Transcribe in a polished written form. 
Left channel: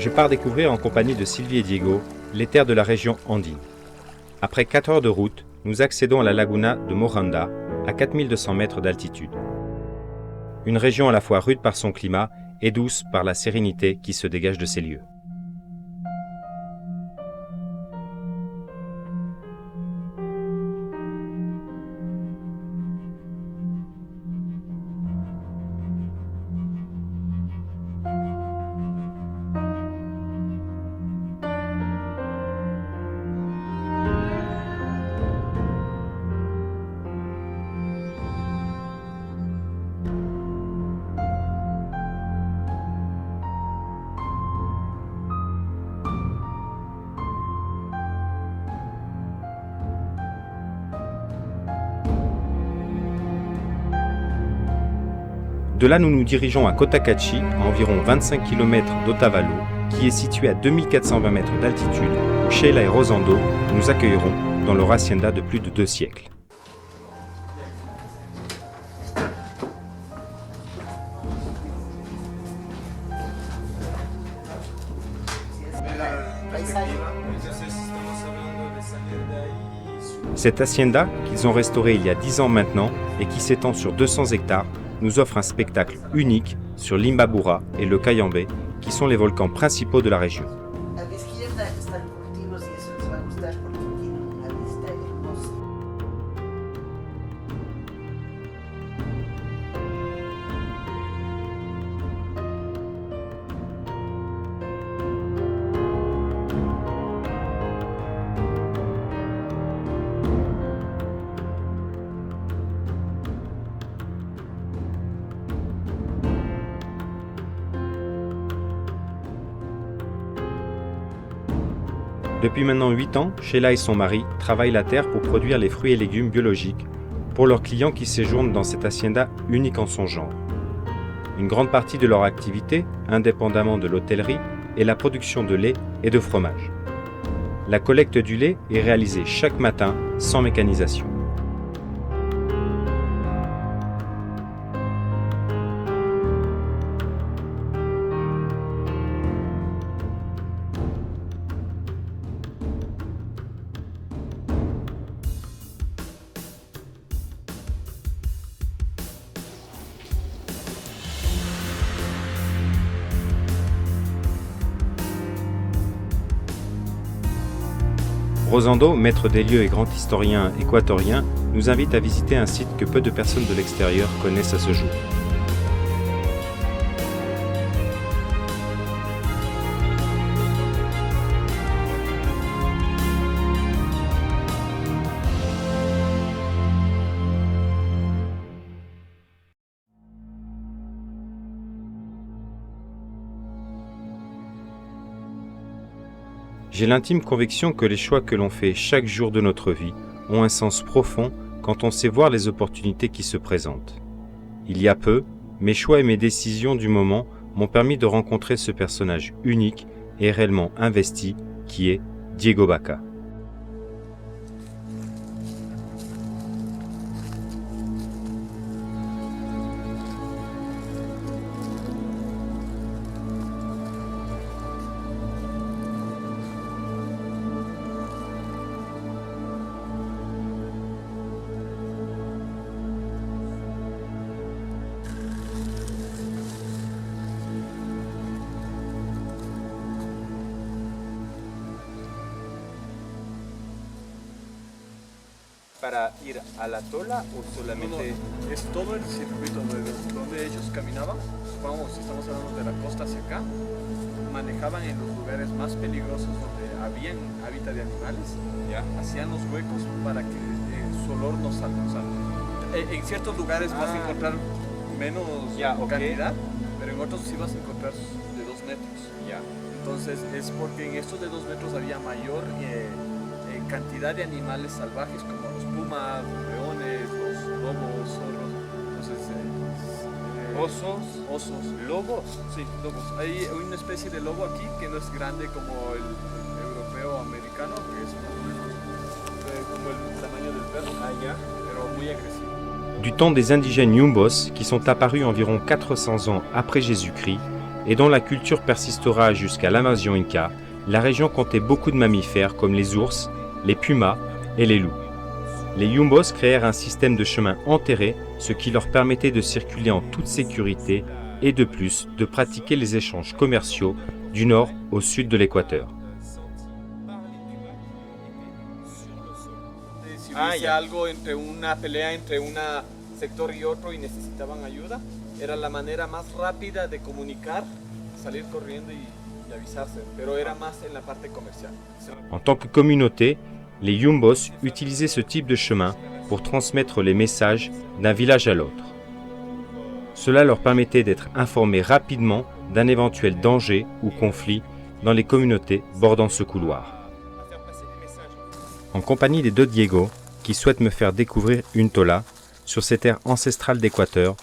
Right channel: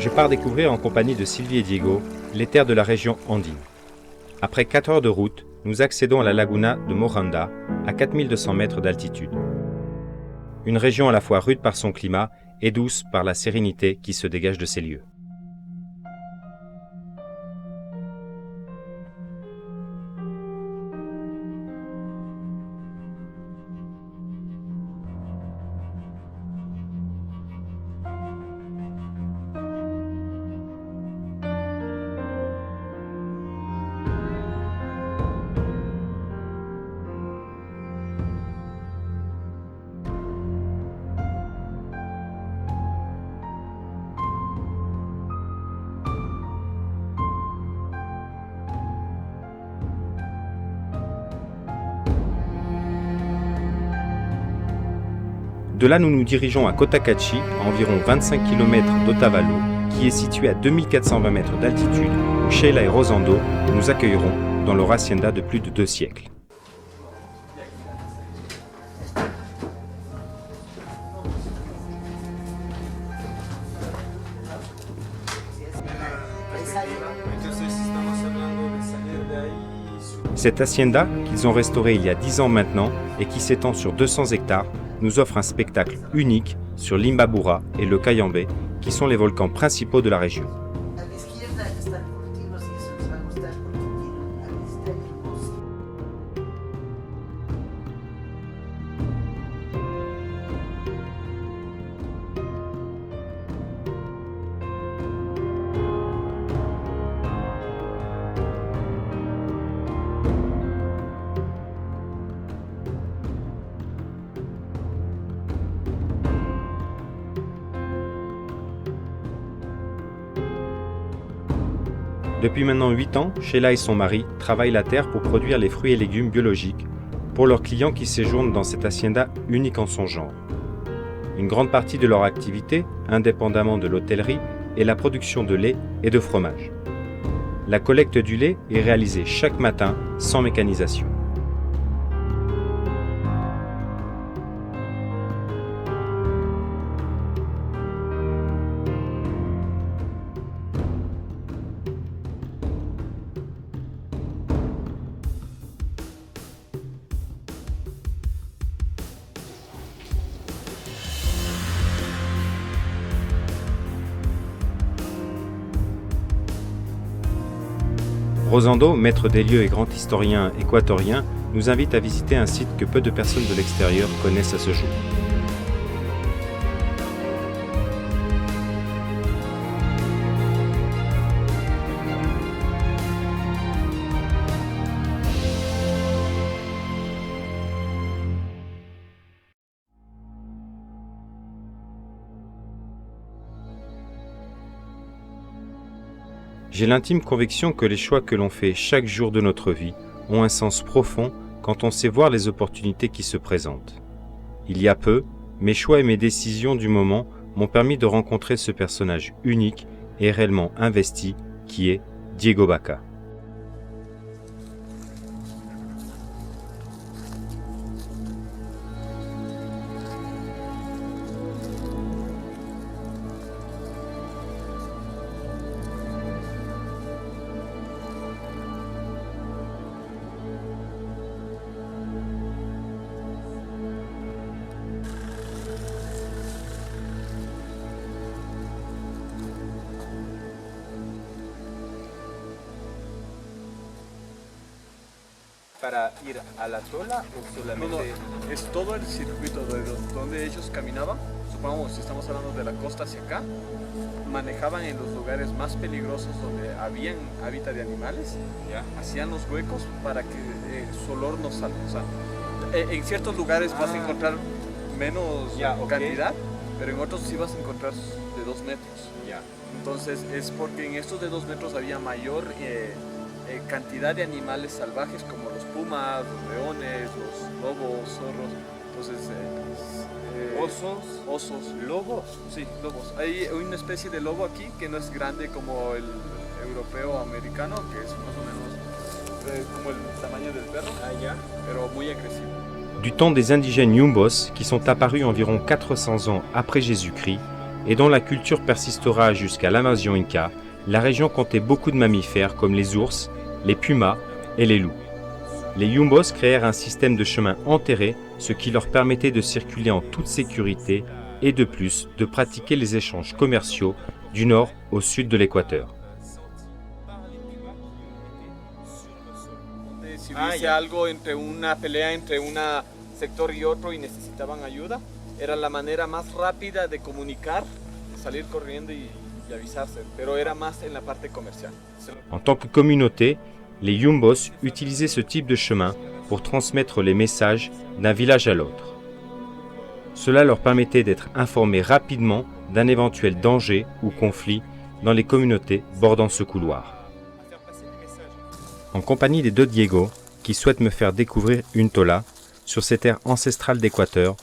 Je pars découvrir en compagnie de Sylvie et Diego les terres de la région andine. Après 4 heures de route, nous accédons à la laguna de Moranda, à 4200 mètres d'altitude. Une région à la fois rude par son climat et douce par la sérénité qui se dégage de ces lieux. De là, nous nous dirigeons à Cotacachi, à environ 25 km d'Otavalo, qui est situé à 2420 mètres d'altitude, où Sheila et Rosando nous accueilleront dans leur hacienda de plus de 2 siècles. Cette hacienda, qu'ils ont restaurée il y a 10 ans maintenant et qui s'étend sur 200 hectares, nous offre un spectacle unique sur l'Imbabura et le Cayambe, qui sont les volcans principaux de la région. Depuis maintenant 8 ans, Sheila et son mari travaillent la terre pour produire les fruits et légumes biologiques pour leurs clients qui séjournent dans cette hacienda unique en son genre. Une grande partie de leur activité, indépendamment de l'hôtellerie, est la production de lait et de fromage. La collecte du lait est réalisée chaque matin sans mécanisation. Rosando, maître des lieux et grand historien équatorien, nous invite à visiter un site que peu de personnes de l'extérieur connaissent à ce jour. J'ai l'intime conviction que les choix que l'on fait chaque jour de notre vie ont un sens profond quand on sait voir les opportunités qui se présentent. Il y a peu, mes choix et mes décisions du moment m'ont permis de rencontrer ce personnage unique et réellement investi qui est Diego Baca. ¿Para ir a la tola o solamente...? No, es todo el circuito de donde ellos caminaban. Supongamos, si estamos hablando de la costa hacia acá, manejaban en los lugares más peligrosos donde habían hábitat de animales, ¿Ya? hacían los huecos para que su olor no salga. O sea, en ciertos lugares vas a encontrar menos cantidad, pero en otros sí vas a encontrar de 2 metros. Ya. Entonces es porque en estos de 2 metros había mayor cantidad de animales salvajes como los pumas, los leones, los lobos, zorros. Entonces, ¿Osos? ¿Lobos? Sí, lobos. Hay una especie de lobo aquí que no es grande como el europeo americano, que es más o menos como el tamaño del perro, pero muy agresivo. Du temps des indigènes Yumbos, qui sont apparus environ 400 ans après Jésus-Christ, et dont la culture persistera jusqu'à l'invasion inca, la région comptait beaucoup de mammifères comme les ours, les pumas et les loups. Les Yumbos créèrent un système de chemins enterrés, ce qui leur permettait de circuler en toute sécurité et de plus de pratiquer les échanges commerciaux du nord au sud de l'équateur. Si hubiese algo entre una pelea entre un sector y otro y necesitaban ayuda, era la manera más rápida de comunicar, salir corriendo y avisarse, pero era más en la parte comercial. En tant que communauté, les Yumbos utilisaient ce type de chemin pour transmettre les messages d'un village à l'autre. Cela leur permettait d'être informés rapidement d'un éventuel danger ou conflit dans les communautés bordant ce couloir. En compagnie des deux Diego, qui souhaitent me faire découvrir une tola sur ces terres ancestrales d'Équateur,